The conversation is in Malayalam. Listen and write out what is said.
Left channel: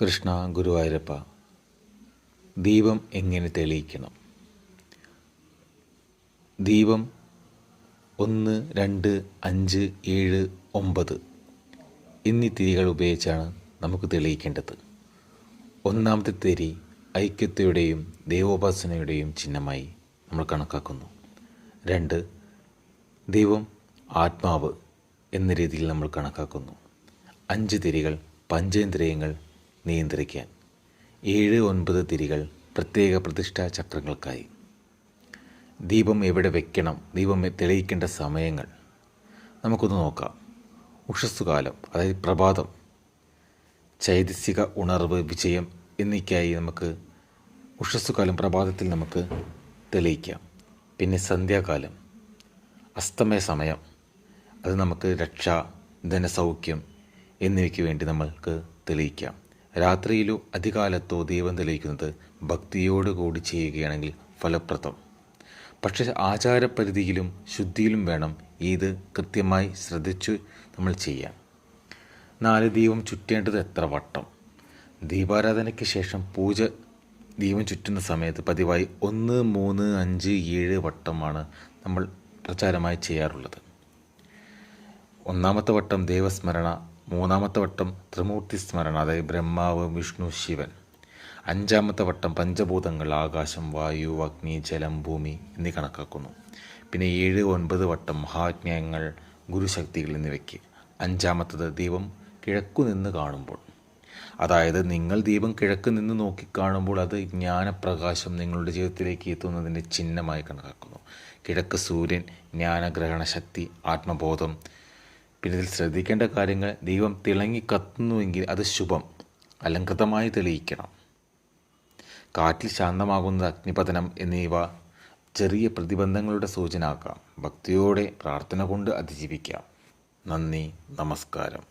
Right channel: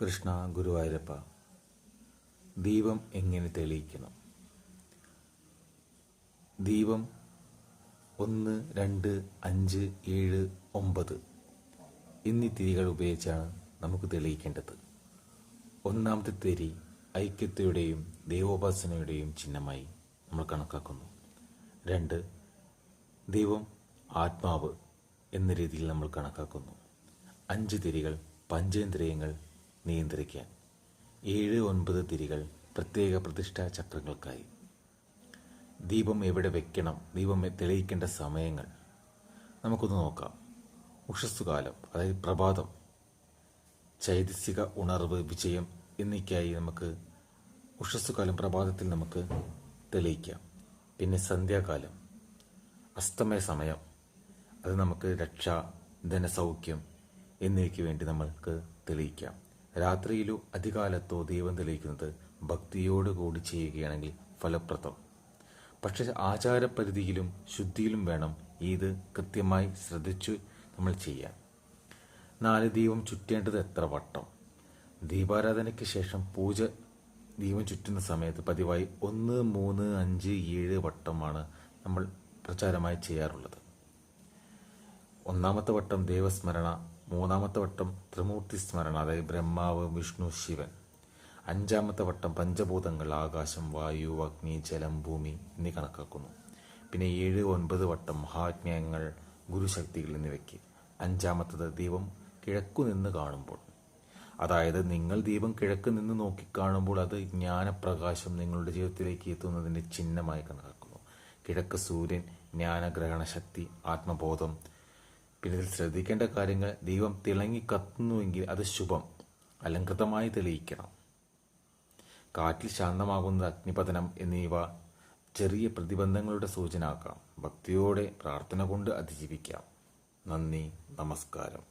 കൃഷ്ണ ഗുരുവായൂരപ്പ. ദീപം എങ്ങനെ തെളിയിക്കണം? ദീപം 1, 2, 5, 7, 9 എന്നീ തിരികൾ ഉപയോഗിച്ചാണ് നമുക്ക് തെളിയിക്കേണ്ടത്. ഒന്നാമത്തെ തിരി ഐക്യതയുടെയും ദൈവോപാസനയുടെയും ചിഹ്നമായി നമ്മൾ കണക്കാക്കുന്നു. 2, ദൈവം ആത്മാവ് എന്ന രീതിയിൽ നമ്മൾ കണക്കാക്കുന്നു. 5 തിരികൾ പഞ്ചേന്ദ്രിയങ്ങൾ നിയന്ത്രിക്കാൻ. 7, 9 തിരികൾ പ്രത്യേക പ്രതിഷ്ഠാ ചക്രങ്ങൾക്കായി. ദീപം എവിടെ വെക്കണം, ദീപം തെളിയിക്കേണ്ട സമയങ്ങൾ നമുക്കൊന്ന് നോക്കാം. ഉഷസ്സുകാലം, അതായത് പ്രഭാതം, ചൈതസിക ഉണർവ്, വിജയം എന്നിവയ്ക്കായി നമുക്ക് ഉഷസ്സുകാലം പ്രഭാതത്തിൽ നമുക്ക് തെളിയിക്കാം. പിന്നെ സന്ധ്യാകാലം, അസ്തമയ സമയം, അത് നമുക്ക് രക്ഷ, ധനസൗഖ്യം എന്നിവയ്ക്ക് വേണ്ടി നമ്മൾക്ക് തെളിയിക്കാം. രാത്രിയിലോ അധികാലത്തോ ദീപം തെളിയിക്കുന്നത് ഭക്തിയോടുകൂടി ചെയ്യുകയാണെങ്കിൽ ഫലപ്രദം. പക്ഷേ ആചാരപരിധിയിലും ശുദ്ധിയിലും വേണം ഇത് കൃത്യമായി ശ്രദ്ധിച്ചു നമ്മൾ ചെയ്യാം. 4, ദീപം ചുറ്റേണ്ടത് എത്ര വട്ടം? ദീപാരാധനയ്ക്ക് ശേഷം ദീപം ചുറ്റുന്ന സമയത്ത് പതിവായി 1, 3, 5, 7 വട്ടമാണ് നമ്മൾ പ്രചാരമായി ചെയ്യാറുള്ളത്. 1-ാമത്തെ വട്ടം ദേവസ്മരണ, 3-ാമത്തെ വട്ടം ത്രിമൂർത്തി സ്മരണ, അതായത് ബ്രഹ്മാവ്, വിഷ്ണു, ശിവൻ. 5-ാമത്തെ വട്ടം പഞ്ചഭൂതങ്ങൾ, ആകാശം, വായു, അഗ്നി, ജലം, ഭൂമി എന്നീ കണക്കാക്കുന്നു. പിന്നെ 7, 9 വട്ടം മഹാജ്ഞാനങ്ങൾ, ഗുരുശക്തികൾ എന്നിവയ്ക്ക്. 5-ാമത്തത് ദീപം കിഴക്കു നിന്ന് കാണുമ്പോൾ, അതായത് നിങ്ങൾ ദീപം കിഴക്ക് നിന്ന് നോക്കിക്കാണുമ്പോൾ അത് ജ്ഞാനപ്രകാശം നിങ്ങളുടെ ജീവിതത്തിലേക്ക് എത്തുന്നതിൻ്റെ ചിഹ്നമായി കണക്കാക്കുന്നു. കിഴക്ക് സൂര്യൻ, ജ്ഞാനഗ്രഹണ ശക്തി, ആത്മബോധം. പിന്നെ ഇതിൽ ശ്രദ്ധിക്കേണ്ട കാര്യങ്ങൾ: ദീപം തിളങ്ങി കത്തുന്നുവെങ്കിൽ അത് ശുഭം, അലങ്കൃതമായി തെളിയിക്കണം. കാറ്റിൽ ശാന്തമാകുന്നത് അഗ്നിപതനം എന്നിവ ചെറിയ പ്രതിബന്ധങ്ങളുടെ സൂചന ആക്കാം. ഭക്തിയോടെ പ്രാർത്ഥന കൊണ്ട് അതിജീവിക്കാം. നന്ദി, നമസ്കാരം.